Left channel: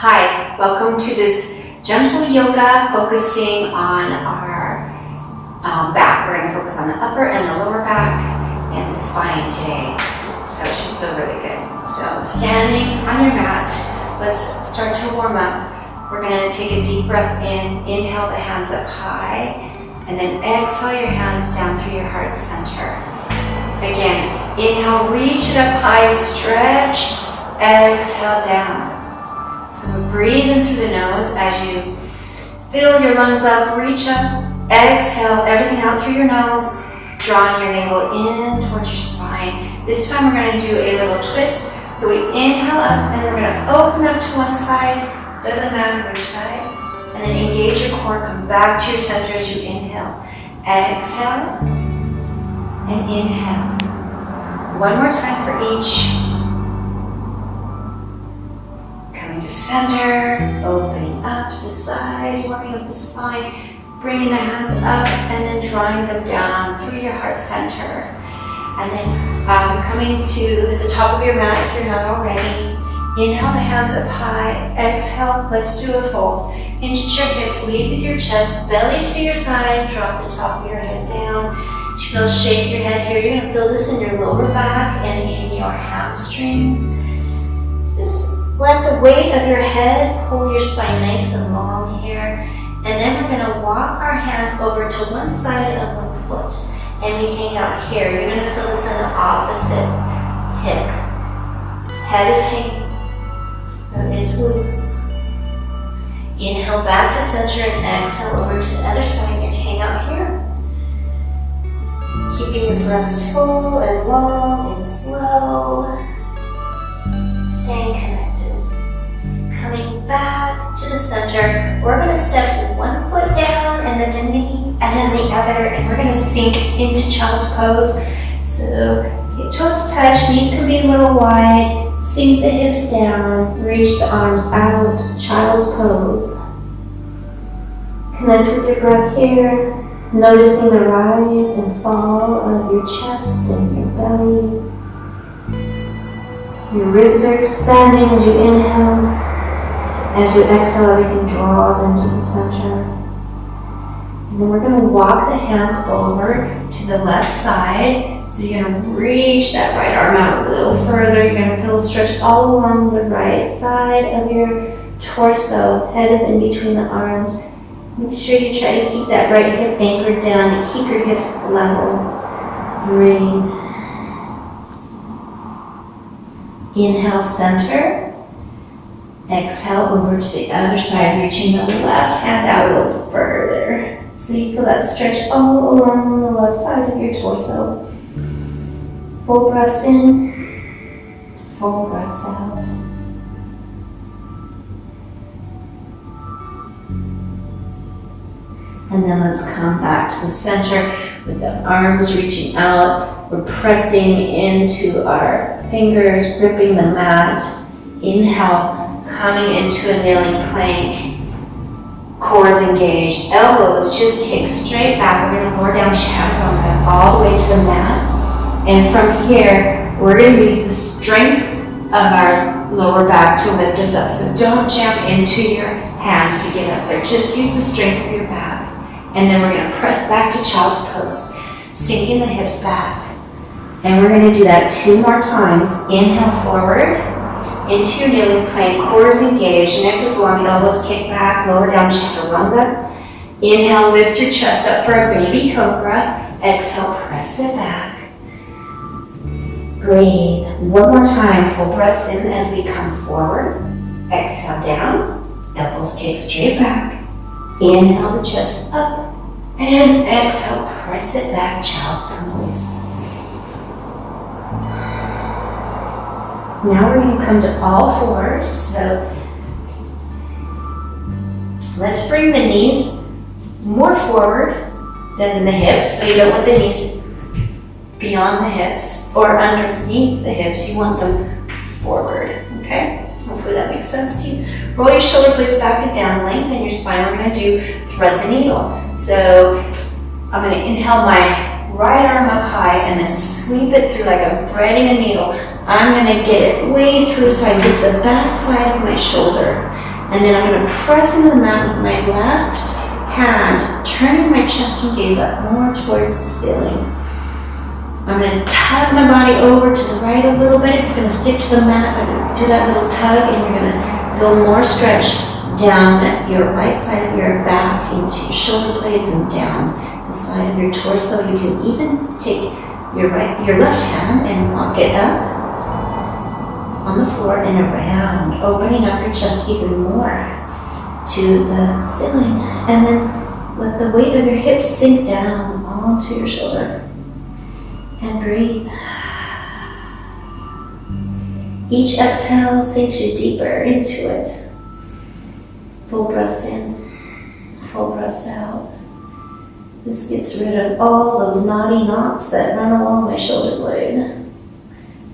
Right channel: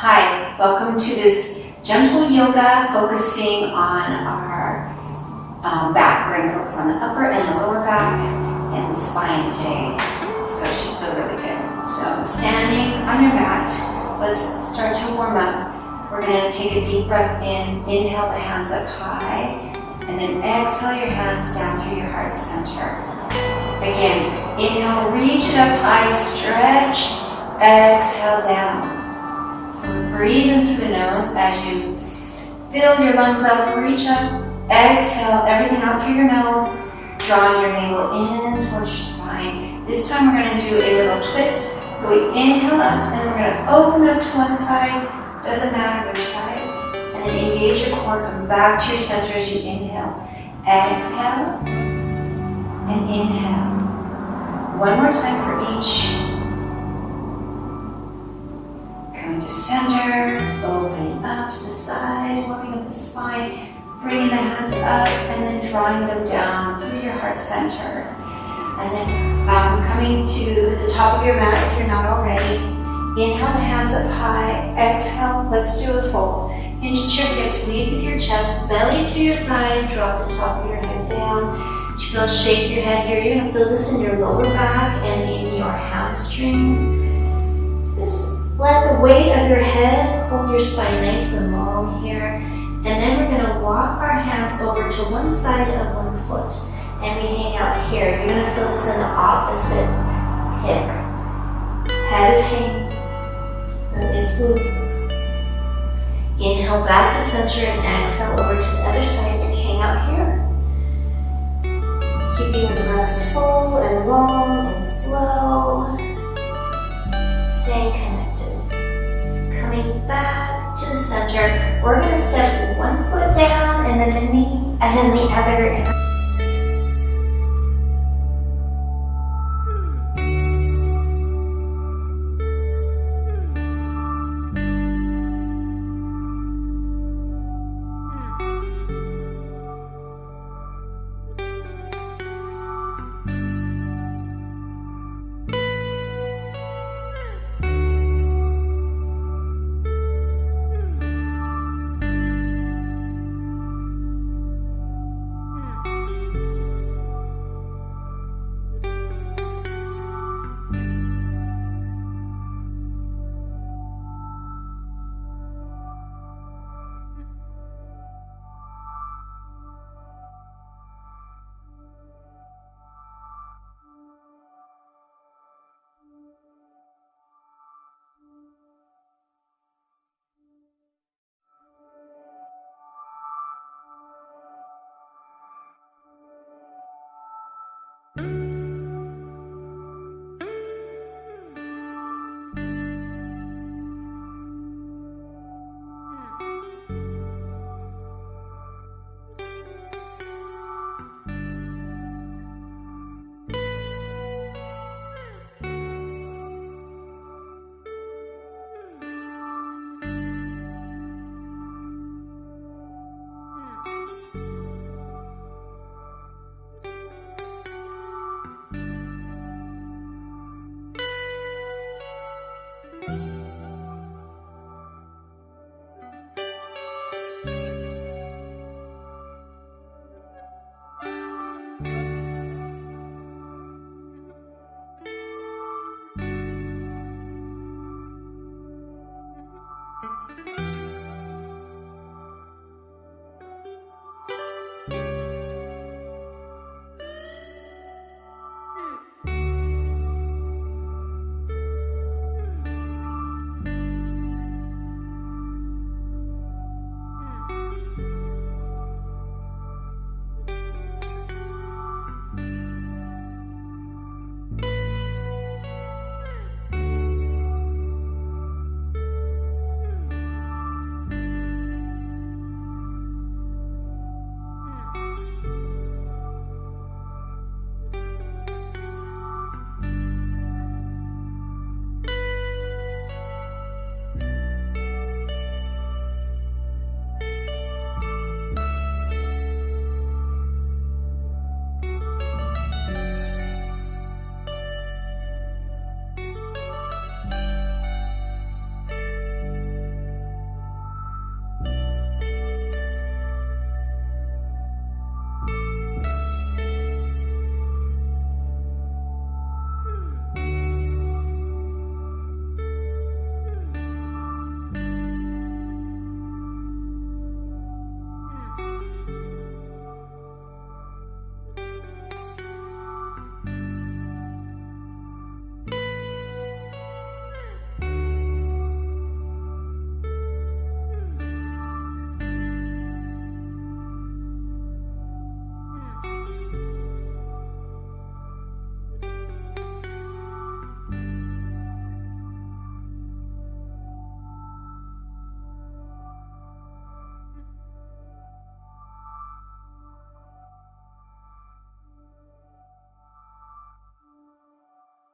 Hi, welcome to this gentle yoga focusing on our back. We're going to focus on the upper and the lower back and the spine today. So it should feel really good. So standing on your mat, let's start to warm up. We're going to take a deep breath in, inhale the hands up high, and then exhale your hands down through your heart center. Again, inhale, reach it up high, stretch, exhale down. So breathe in through the nose as you fill your lungs up, reach up, exhale everything out through your nose, drawing your navel in towards your spine. This time we're going to do a little twist. So we inhale up and then we're going to open up to one side, doesn't matter which side, and then engage your core, come back to your center as you inhale. Exhale and inhale. One more time for each. Coming to center, opening up to the side, warming up the spine, bringing the hands up and then drawing them down through your heart center. And then coming to the top of your mat if you're not already. Inhale the hands up high, exhale, let's do a fold. Hinge your hips, lead with your chest, belly to your thighs, drop the top of your head down. Shake your head here. You're going to feel this in your lower back and in your hamstrings. Just let the weight of your head hold your spine nice and long here. And then we're going to walk our hands over to one side of one foot. And we hang out here. You're going to feel this in the opposite hip. Head is hanging, but it's loose. Inhale back to center and exhale over to the other side. You're going to hang out here. Keeping your breaths full and long and slow. Staying connected. Coming back to the center. We're going to step one foot down and then the knee and then the other, and we're going to sink into child's pose. So toes touch, knees can be a little wide. Sink the hips down, reach the arms out, child's pose. Connect with your breath here. Noticing the rise and fall of your chest and your belly. Your ribs are expanding as you inhale. As you exhale, everything draws into the center. And then we're going to walk the hands over to the left side. So you're going to reach that right arm out a little further. You're going to feel a stretch all along the right side of your torso. Head is in between the arms. Make sure you try to keep that right hip anchored down to keep your hips level. Breathe. Inhale, center. Exhale over to the other side, reaching the left hand out a little further. So you feel that stretch all along the left side of your torso. Full breaths in, full breaths out. And then let's come back to the center with the arms reaching out. We're pressing into our fingers, gripping the mat. Inhale, coming into a kneeling plank. Core is engaged. Elbows just kick straight back. We're going to lower down chaturanga all the way to the mat. And from here, we're going to use the strength of our lower back to lift us up. So don't jam into your hands to get up there. Just use the strength of your back. And then we're going to press back to child's pose, sinking the hips back. And we're going to do that 2 more times. Inhale forward into your kneeling plank, core is engaged, neck is long, elbows kick back, lower down chaturanga. Inhale, lift your chest up for a baby cobra. Exhale, press it back. Breathe. One more time, full breaths in as we come forward. Exhale down, elbows kick straight back. Inhale the chest up, and exhale, press it back, child's pose. Now we're going to come to all fours. So let's bring the knees more forward than the hips. So you don't want the knees beyond the hips or underneath the hips. You want them forward, okay? Hopefully that makes sense to you. Roll your shoulder blades back and down, lengthen your spine. We're going to do thread the needle. So I'm going to inhale my right arm up high and then sweep it through like I'm threading a needle I'm gonna get it way through so I can get to the back side of my shoulder. And then I'm gonna press into the mat with my left hand, turning my chest and gaze up more towards the ceiling. I'm gonna tug my body over to the right a little bit. It's gonna stick to the mat through that little tug, and you're gonna feel more stretch down your right side of your back into your shoulder blades and down the side of your torso. You can even take your left hand and walk it up on the floor and around, opening up your chest even more to the ceiling. And then let the weight of your hips sink down onto your shoulder. And breathe. Each exhale sinks you deeper into it. Full breaths in, full breaths out. This gets rid of all those knotty knots that run along my shoulder blade.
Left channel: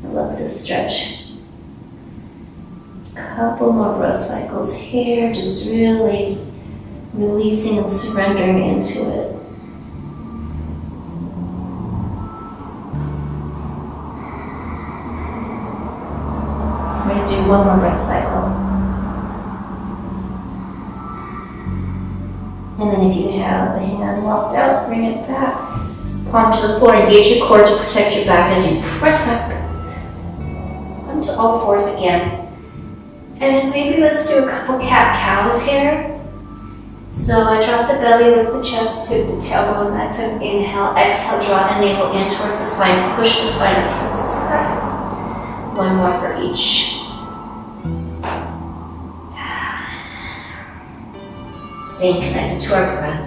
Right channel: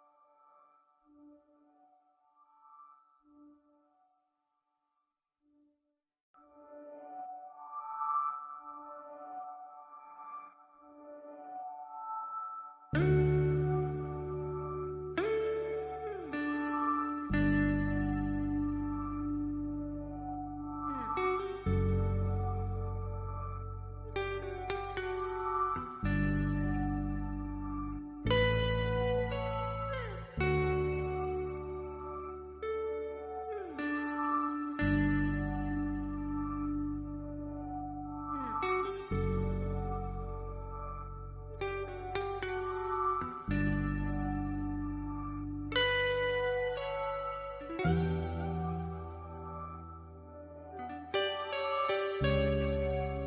I love this stretch. Couple more breath cycles here, just really releasing and surrendering into it. I'm going to do one more breath cycle. And then if you have the hand locked out, bring it back. Palm to the floor, engage your core to protect your back as you press up onto all fours again. And maybe let's do a couple cat-cows here. So I drop the belly, lift the chest to the tailbone. That's an inhale. Exhale, draw the navel in towards the spine. Push the spine up towards the side. One more for each. Staying connected to our breath.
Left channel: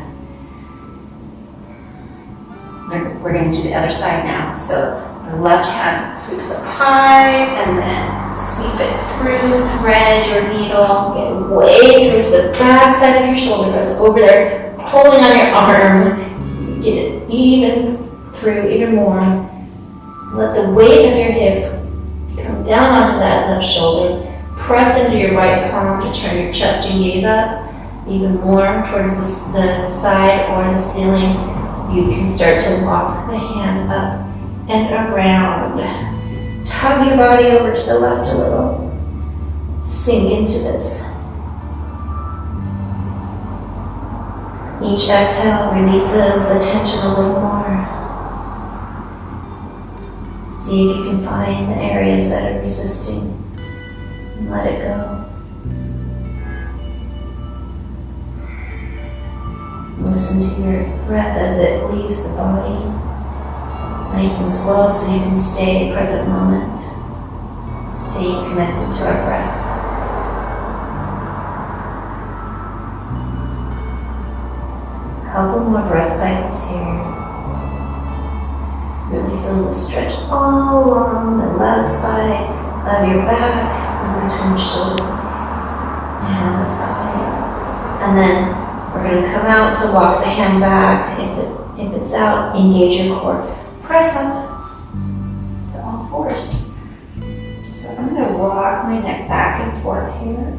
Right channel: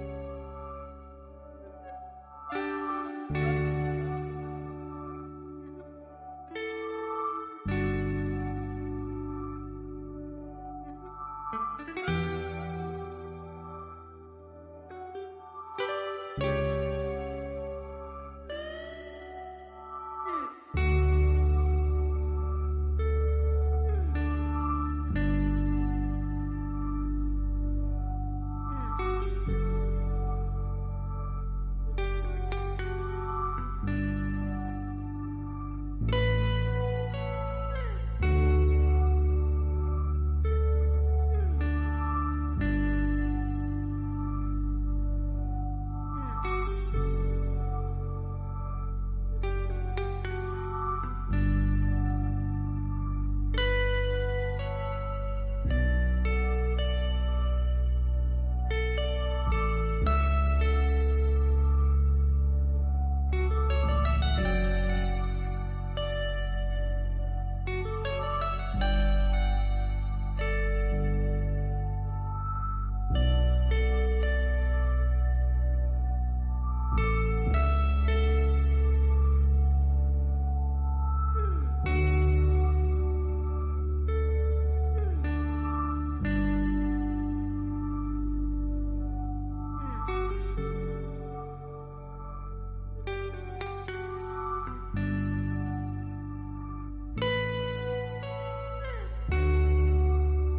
We're going to do the other side now. So the left hand sweeps up high and then sweep it through, thread your needle, get way through to the back side of your shoulder, press over there, pulling on your arm, get it even through, even more. Let the weight of your hips come down onto that left shoulder, press into your right palm to turn your chest and gaze up, even more towards the side or the ceiling. You can start to walk the hand up and around. Tug your body over to the left a little. Sink into this. Each exhale releases the tension a little more. See if you can find the areas that are resisting and let it go. Listen to your breath as it leaves the body. Nice and slow so you can stay present moment. Stay connected to our breath. Couple more breath cycles here. Really feel the stretch all along the left side of your back, in between the shoulder blades, down the side. And then we're going to come out, so walk the hand back. If it's out, engage your core. Press up to all fours. So I'm going to rock my neck back and forth here.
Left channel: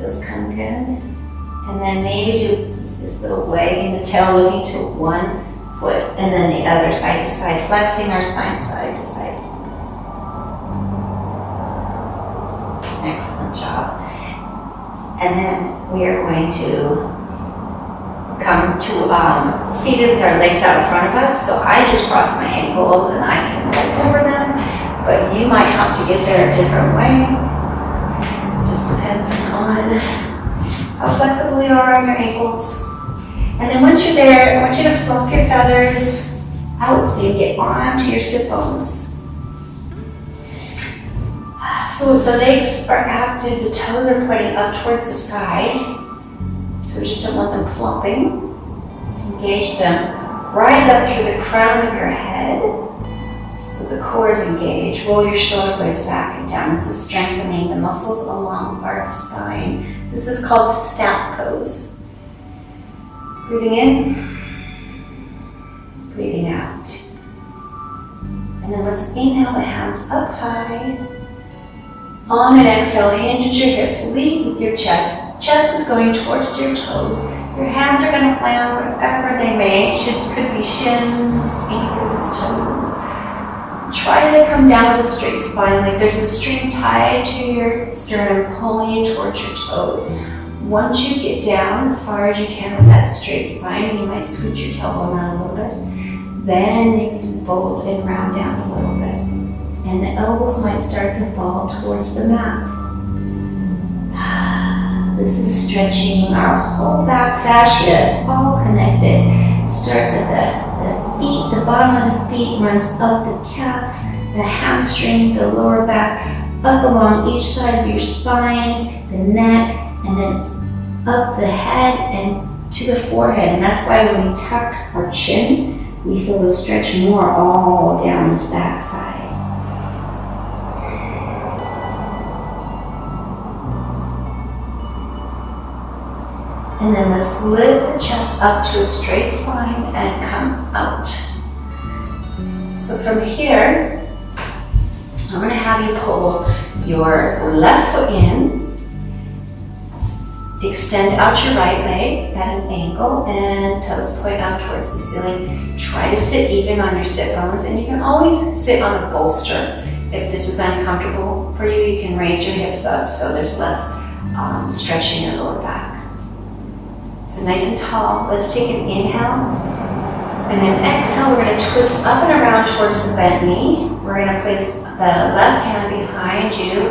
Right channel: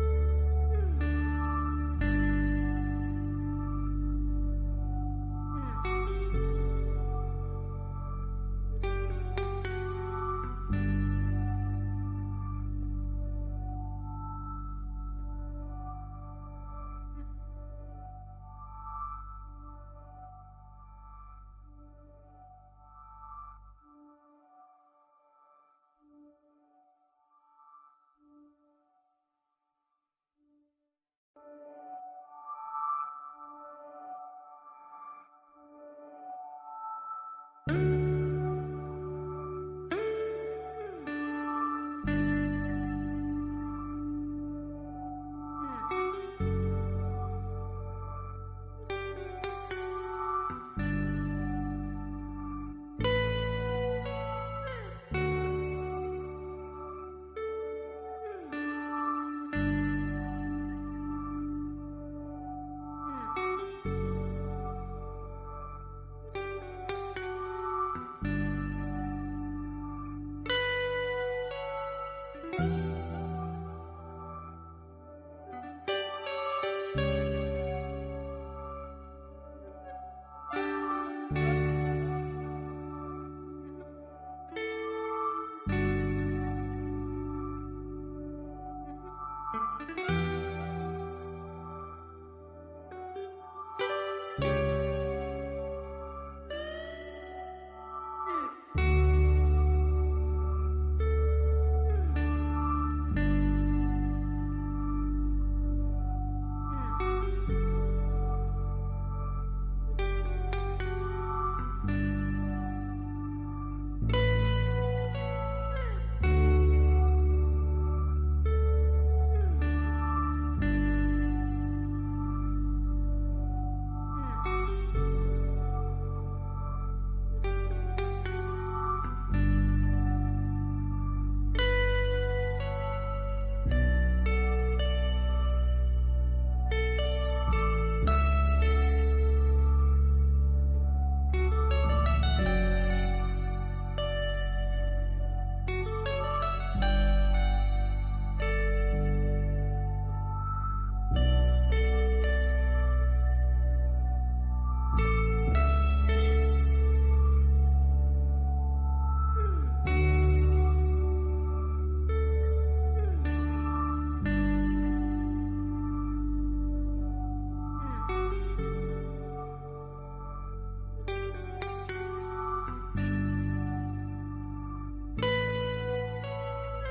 Feels kind of good. And then maybe do this little wag in the tail, looking to one foot, and then the other side to side, flexing our spine side to side. Excellent job. And then we are going to come to seated with our legs out in front of us. So I just cross my ankles and I can roll over them, but you might have to get there a different way. Just depends on how flexible you are on your ankles. And then once you're there, I want you to fluff your feathers out so you get onto your sit bones. So the legs are active, the toes are pointing up towards the sky. So we just don't want them flopping. Engage them. Rise up through the crown of your head. So the core is engaged. Roll your shoulder blades back and down. This is strengthening the muscles along our spine. This is called staff pose. Breathing in. Breathing out. And then let's inhale the hands up high. On an exhale, hinge at your hips, lead with your chest. Chest is going towards your toes. Your hands are going to land wherever they may. Could be shins, ankles, toes. try to come down with a straight spine, like there's a string tied to your sternum pulling you towards your toes. Once you get down as far as you can with that straight spine, you might scoot your tailbone out a little bit. Then you can fold and round down a little bit. And the elbows might start to fall towards the mat. This is stretching our whole back fascia. It's all connected. Starts at the feet, the bottom of the feet runs up the calf, the hamstring, the lower back, up along each side of your spine, the neck, and then up the head and to the forehead. And that's why when we tuck our chin, we feel the stretch more all down this back side. And then let's lift the chest up to a straight spine and come out. So from here, I'm going to have you pull your left foot in, extend out your right leg at an angle, and toes point out towards the ceiling. Try to sit even on your sit bones, and you can always sit on a bolster. If this is uncomfortable for you, you can raise your hips up so there's less stretching in your lower back. So nice and tall. Let's take an inhale. And then exhale, we're going to twist up and around towards the bent knee. We're going to place the left hand behind you,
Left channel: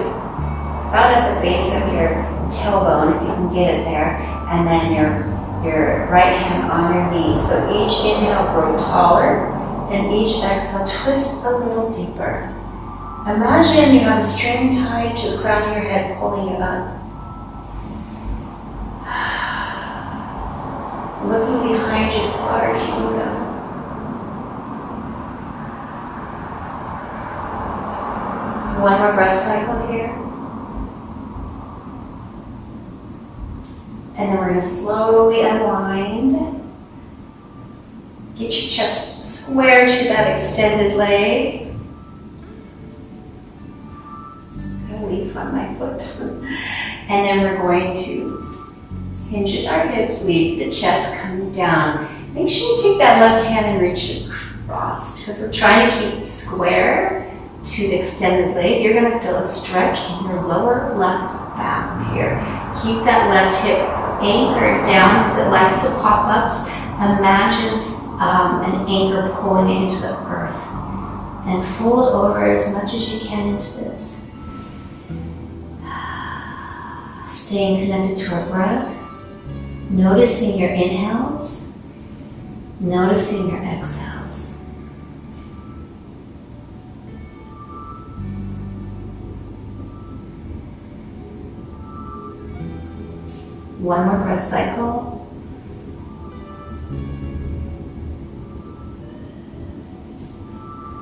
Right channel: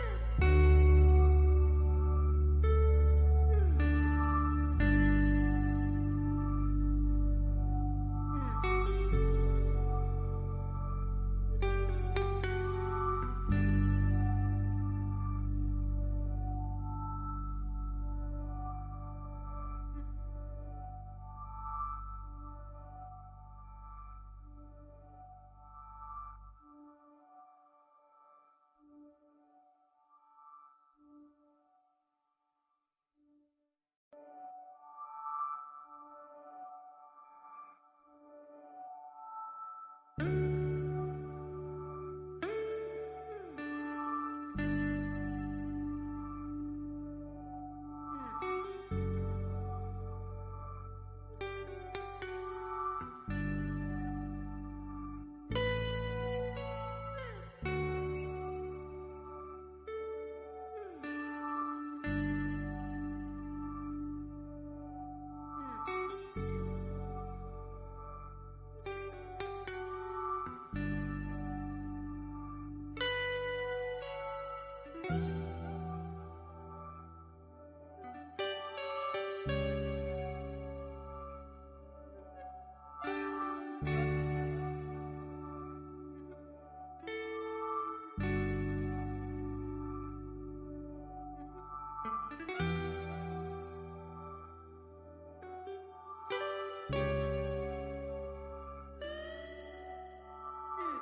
about at the base of your tailbone, if you can get it there. And then your right hand on your knee. So each inhale, grow taller. And each exhale, twist a little deeper. Imagine you have a string tied to the crown of your head, pulling you up. Looking behind you as far as you can go. One more breath cycle here. And then we're going to slowly unwind. Get your chest square to that extended leg. A leaf on my foot. And then we're going to hinge at our hips, leave the chest coming down. Make sure you take that left hand and reach it across. Because we're trying to keep square to the extended leg. You're going to feel a stretch in your lower left back here. Keep that left hip anchored down because it likes to pop up. Imagine an anchor pulling it into the earth. And fold over as much as you can into this. Staying connected to our breath. Noticing your inhales, noticing your exhales. One more breath cycle.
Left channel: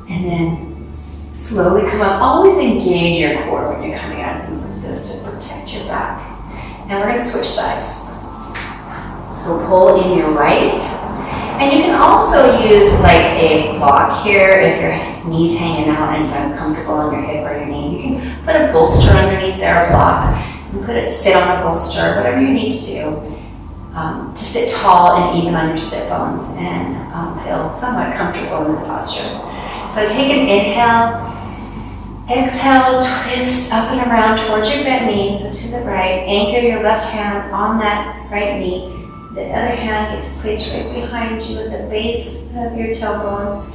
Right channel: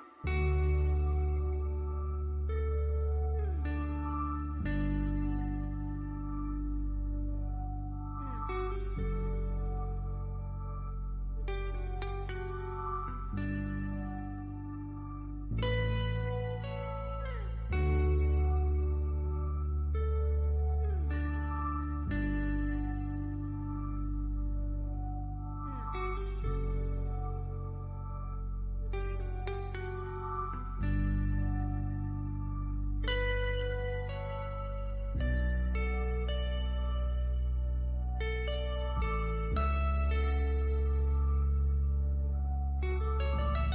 And then slowly come up. Always engage your core when you're coming out of things like this to protect your back. And we're going to switch sides. So pull in your right. And you can also use like a block here if your knee's hanging out and it's uncomfortable on your hip or your knee. You can put a bolster underneath there, a block, and sit on a bolster, whatever you need to do to sit tall and even on your sit bones and feel somewhat comfortable in this posture. So take an inhale, exhale, twist up and around towards your bent knee, so to the right. Anchor your left hand on that right knee. The other hand gets placed right behind you at the base of your tailbone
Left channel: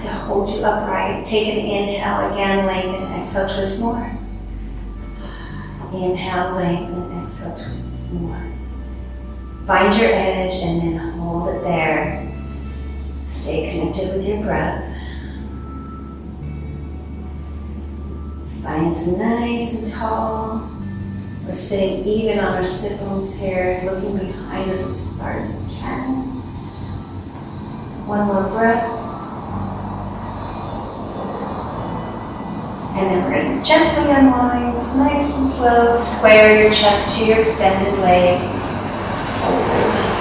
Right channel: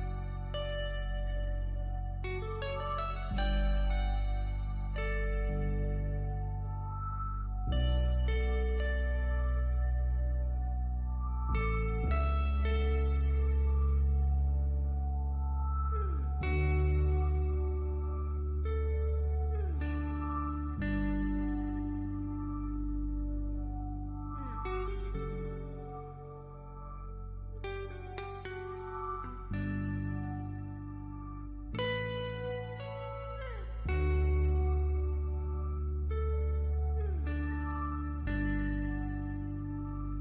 to hold you upright. Take an inhale again, lengthen, exhale, twist more. Inhale, lengthen, exhale, twist more. Find your edge and then hold it there. Stay connected with your breath. Spine is nice and tall. We're sitting even on our sit bones here, looking behind us as far as we can. One more breath. And then we're going to gently unwind, nice and slow. Square your chest to your extended leg. Fold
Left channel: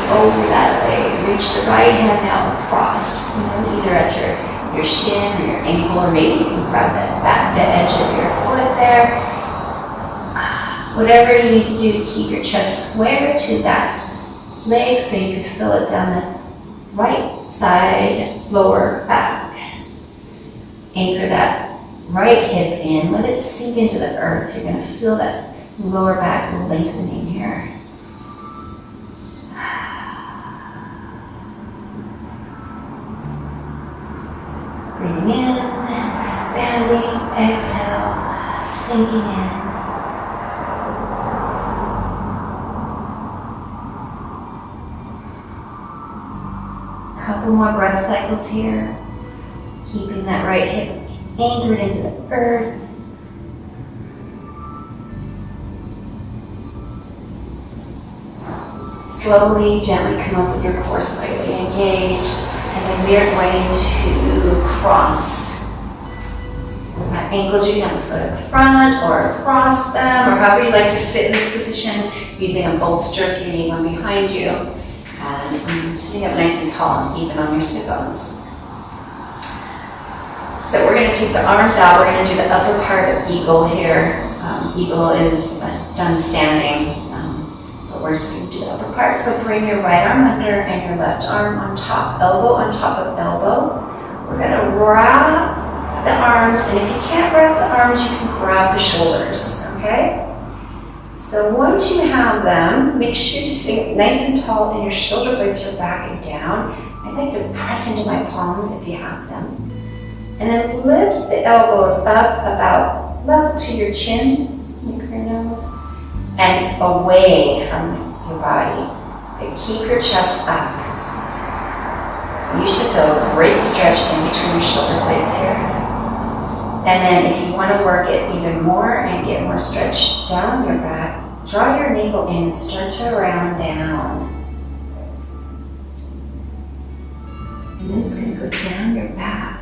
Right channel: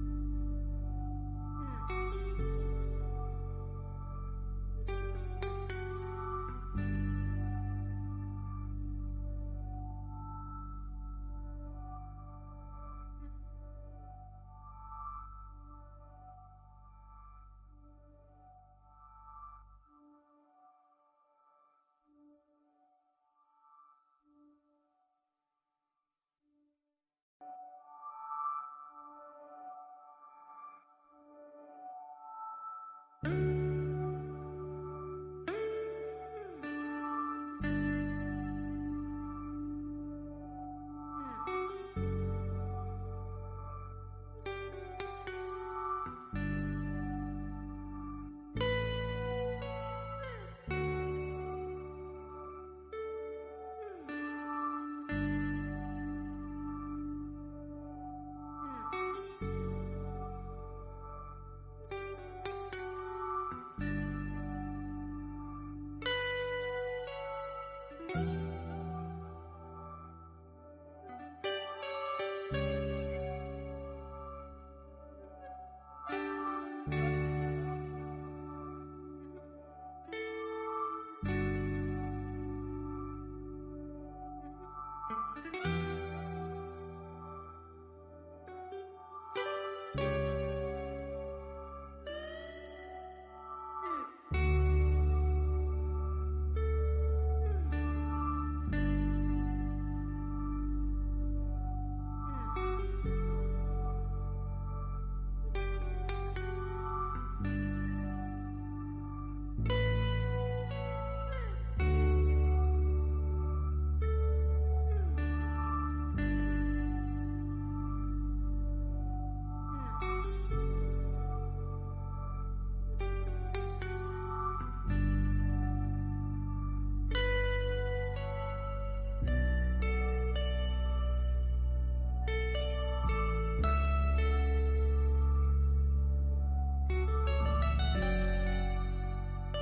over that leg. Reach the right hand out across, either at your shin or your ankle, or maybe you can grab the edge of your foot there. Whatever you need to do to keep your chest square to that leg so you can feel it down the right side, lower back. Anchor that right hip in, let it sink into the earth. You're gonna feel that lower back lengthening here. Breathing in, expanding, exhale, sinking in. Couple more breath cycles here. Keeping that right hip anchored into the earth. Slowly, gently come up with your core slightly engaged. And then we are going to cross. With our ankles, you can have a foot at the front or across them, or however you like to sit in this position, using a bolster if you need one behind you. And sitting up nice and tall and even on your sit bones. So we're going to take the arms out. We're going to do the upper part of eagle here. Eagle is done standing, but we're just going to do the upper part. So bring your right arm under and your left arm on top of elbow. We're going to wrap the arms, and if you can't wrap the arms, you can grab the shoulders, okay? So once you have them, make sure you stay nice and tall and your shoulder blades are back and down. I'd like to press into my palms if you have them. And then lift the elbows up about level to your chin, look your nose, and away from your body. But keep your chest up. You should feel a great stretch in between your shoulder blades here. And then if you want to work it even more and get more stretch down your back, draw your navel in and stretch it around down. And then it's going to go down your back.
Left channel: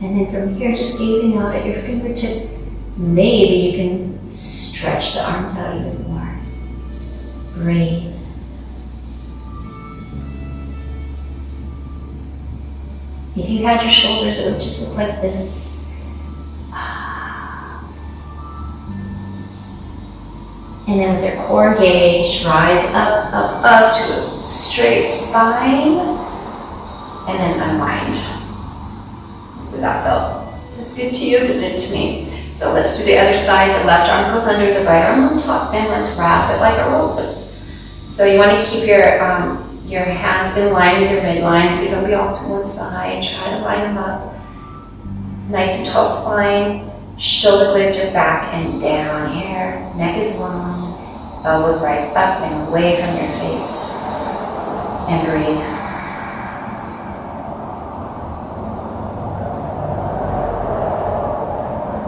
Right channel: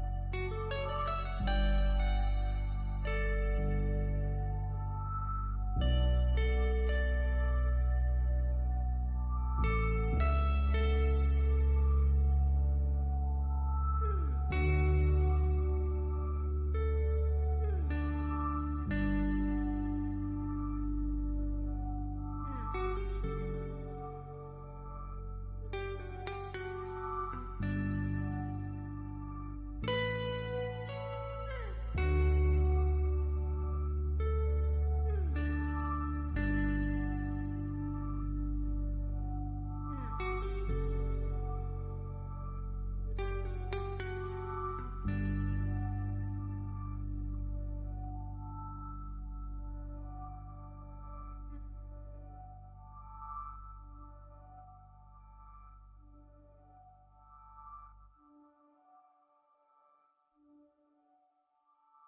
And then from here, just gazing out at your fingertips, maybe you can stretch the arms out even more. Breathe. If you had your shoulders, it would just look like this. And then with your core engaged, rise up, up, up to a straight spine, and then unwind. Did that feel as good to you as it did to me? So let's do the other side. The left arm goes under, the right arm on top, and let's wrap it like a rope. So you want to keep your hands in line with your midline, so you don't be all to one side. Try to line them up. Nice and tall spine. Shoulder blades are back and down here. Neck is long. Elbows rise up and away from your face. And breathe.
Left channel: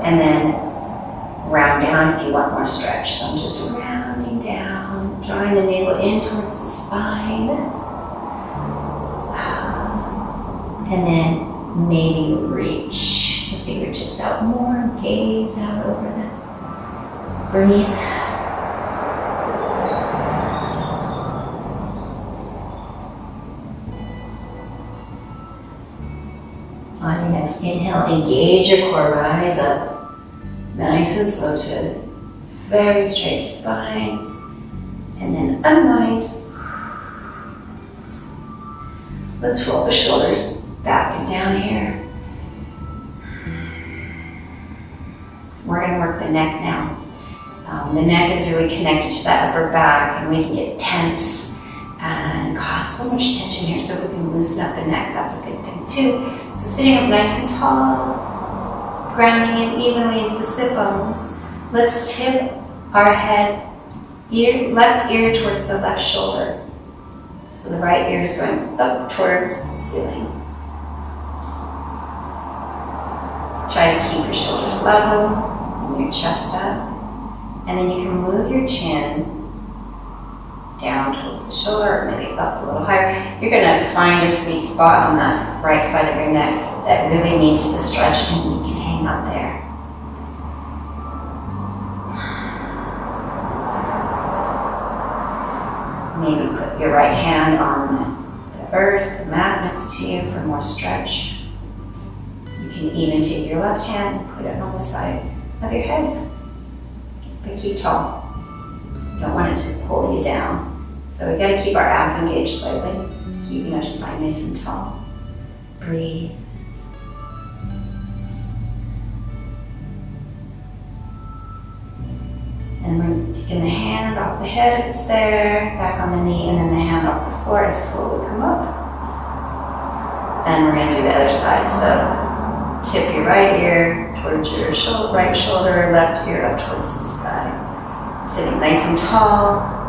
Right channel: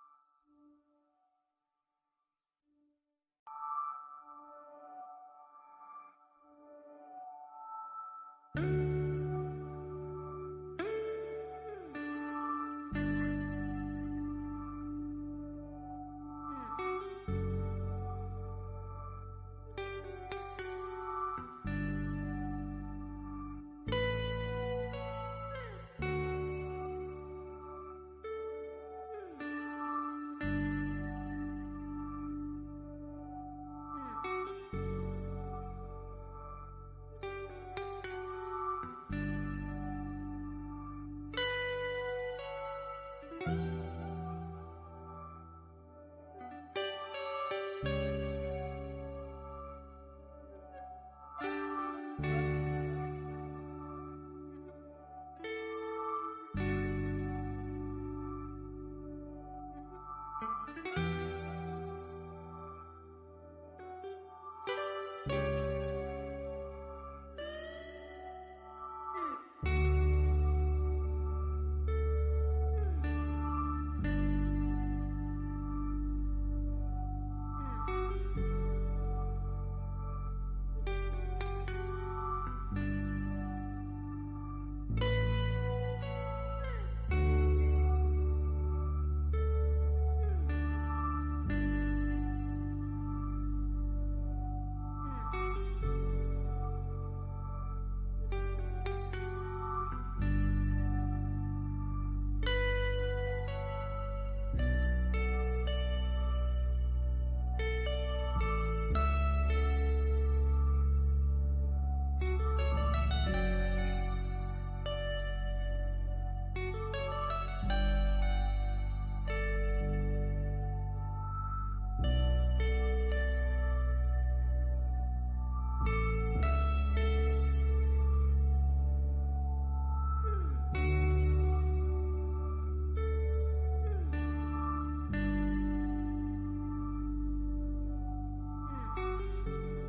And then round down if you want more stretch. So I'm just rounding down, drawing the navel in towards the spine. And then maybe reach the fingertips out more, gaze out over them. Breathe. On your next inhale, engage your core, rise up. Nice and slow to a very straight spine. And then unwind. Let's roll the shoulders back and down here. We're going to work the neck now. The neck is really connected to that upper back, and we can get tense and cause so much tension here, so we can loosen up the neck. That's a good thing too. So sitting up nice and tall, grounding in evenly into the sit bones. Let's tip our head, left ear towards the left shoulder. So the right ear is going up towards the ceiling. Try to keep your shoulders level and your chest up. And then you can move your chin down towards the shoulder, or maybe up a little higher. You're going to find a sweet spot on that right side of your neck that really needs the stretch, and you can hang out there. Maybe put your right hand on the earth, the mat next to you for more stretch. You can even take your left hand and put it on the side of your head. But keep tall. You don't want it to pull you down. So we gotta keep our abs engaged slightly, keeping our spine nice and tall. Breathe. we're taking the hand off the head if it's there, back on the knee, and then the hand off the floor and slowly come up. And we're gonna do the other side. So tip your right ear towards your right shoulder, left ear up towards the sky. Sitting nice and tall.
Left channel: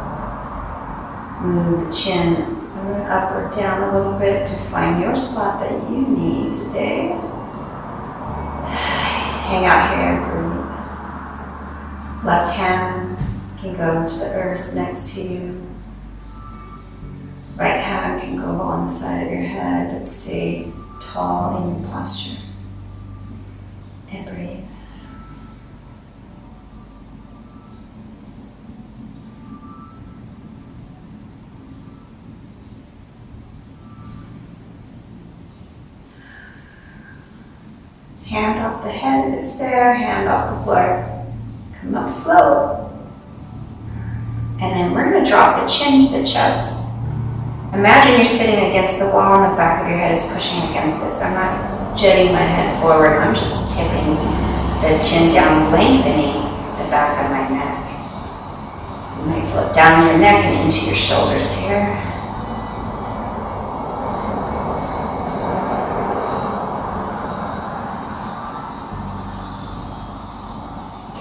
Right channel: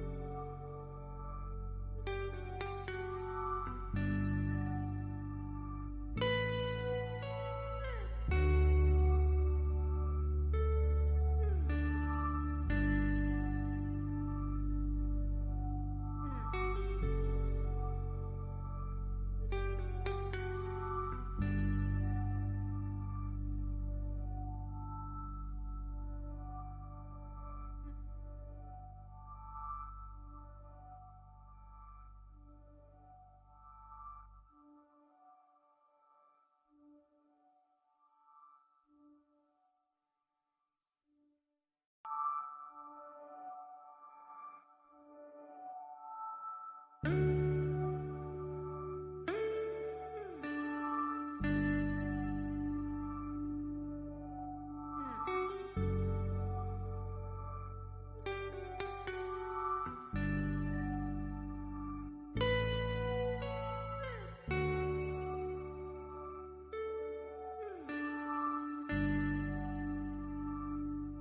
Move the chin up or down a little bit to find your spot that you need today. Hang out here, breathe. Left hand can go to the earth next to you. Right hand can go on the side of your head, but stay tall in your posture. And breathe. Hand off the head if it's there, hand off the floor. Come up slow. And then we're going to drop the chin to the chest. Imagine you're sitting against the wall and the back of your head is pushing against it. So I'm not jutting my head forward, I'm just tipping the chin down, lengthening the back of my neck. You might flip down your neck and into your shoulders here.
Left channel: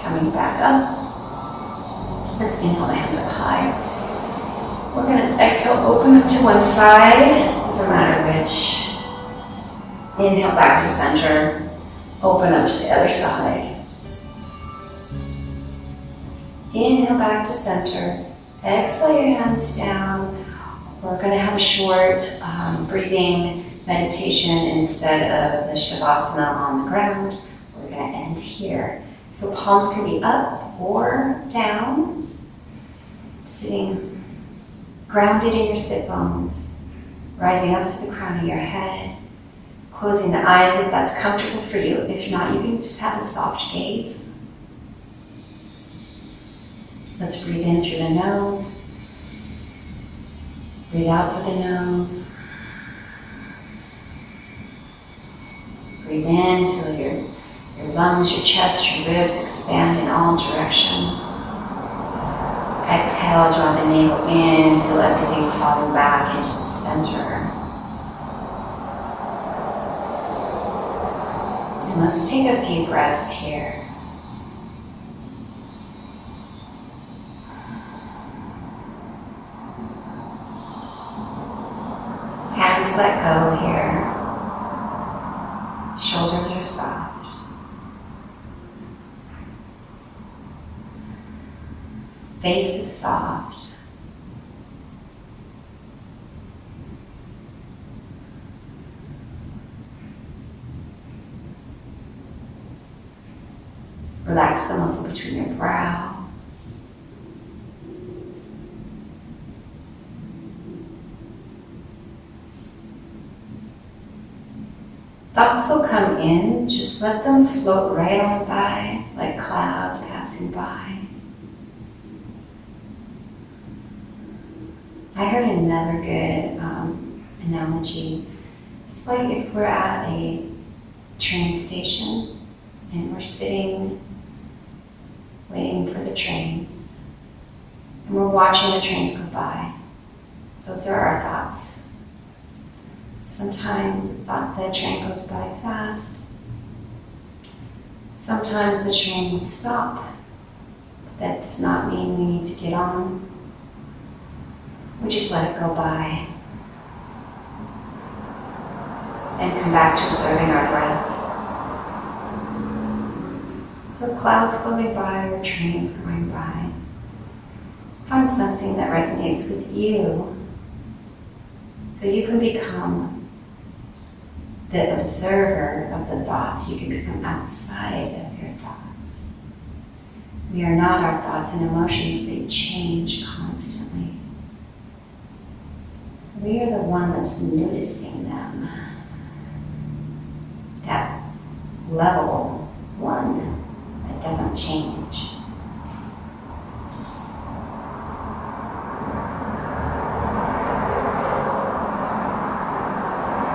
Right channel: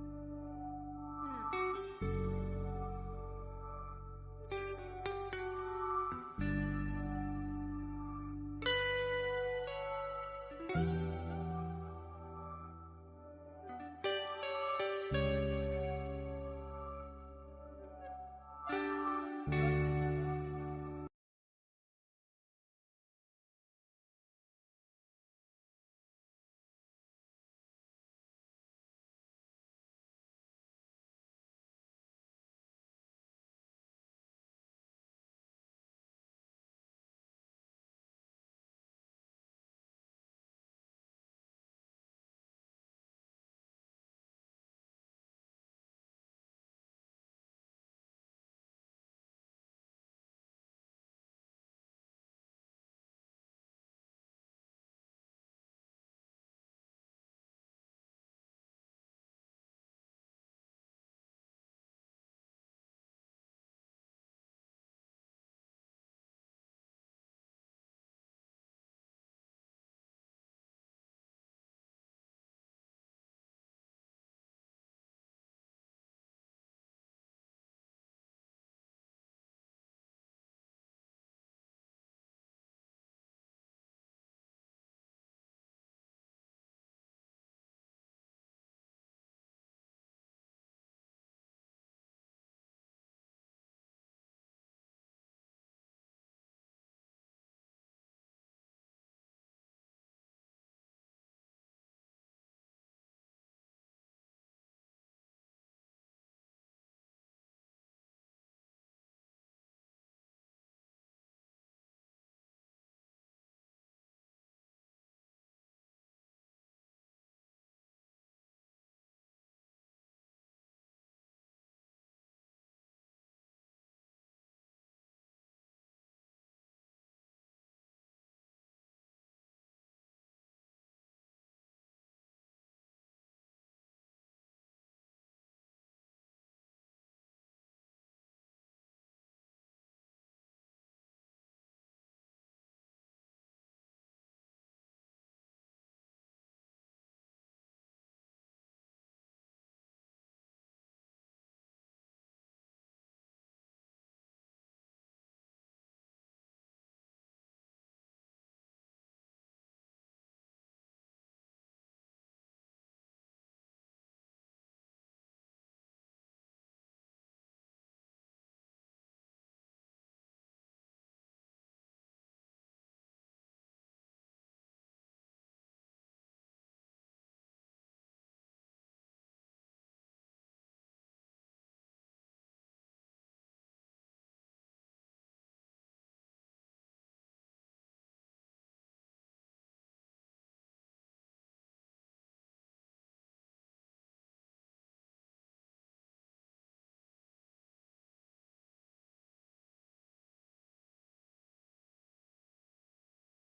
Coming back up. Let's inhale the hands up high. We're going to exhale, open up to one side, doesn't matter which. Inhale back to center, open up to the other side. Inhale back to center, exhale your hands down. We're going to have a short breathing meditation instead of the Shavasana on the ground. We're going to end here. So palms can be up or down, sitting grounded in your sit bones, rising up to the crown of your head, closing the eyes if that's comfortable for you. If not, you can just have a soft gaze. Let's breathe in through the nose, breathe out through the nose, breathe in, feel your lungs, your chest, your ribs expand in all directions. Exhale, draw the navel in, feel everything falling back into the center. And let's take a few breaths here. Hands let go here. Shoulders are soft. Face is soft. Relax the muscle between your brow. Thoughts will come in, just let them float right on by, like clouds passing by. I heard another good analogy. It's like if we're at a train station and we're sitting waiting for the trains and we're watching the trains go by. Those are our thoughts. Sometimes the train goes by fast. Sometimes the train will stop. That does not mean we need to get on. We just let it go by and come back to observing our breath. So clouds floating by or trains going by. Find something that resonates with you so you can become the observer of the thoughts. You can become outside of your thoughts. We are not our thoughts and emotions. They change constantly. We are the one that's noticing them. That level one that doesn't change.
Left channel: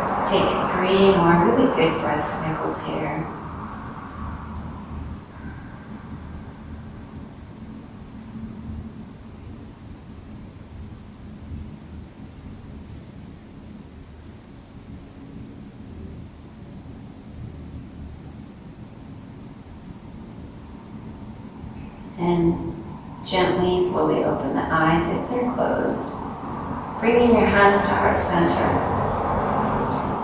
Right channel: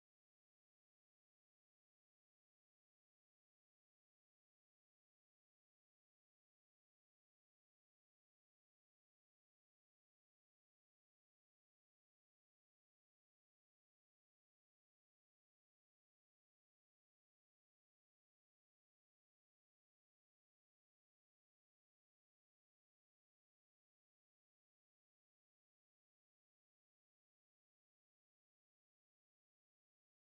Let's take 3 more really good breath cycles here. And gently, slowly open the eyes if they're closed. Bringing your hands to heart center.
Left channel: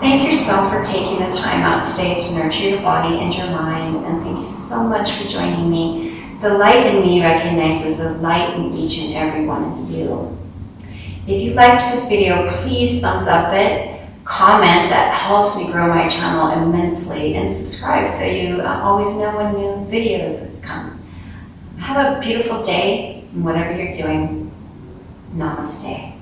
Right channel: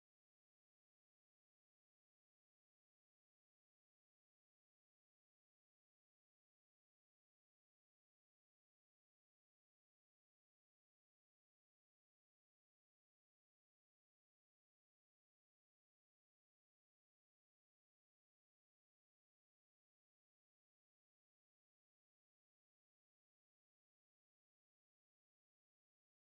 Thank yourself for taking the time out today to nurture your body and your mind. And thank you so much for joining me. The light in me recognizes the light in each and every one of you. If you liked this video, please thumbs up it. Comment, that helps me grow my channel immensely. And subscribe so you always know when new videos come. Have a beautiful day, and whatever you're doing, namaste.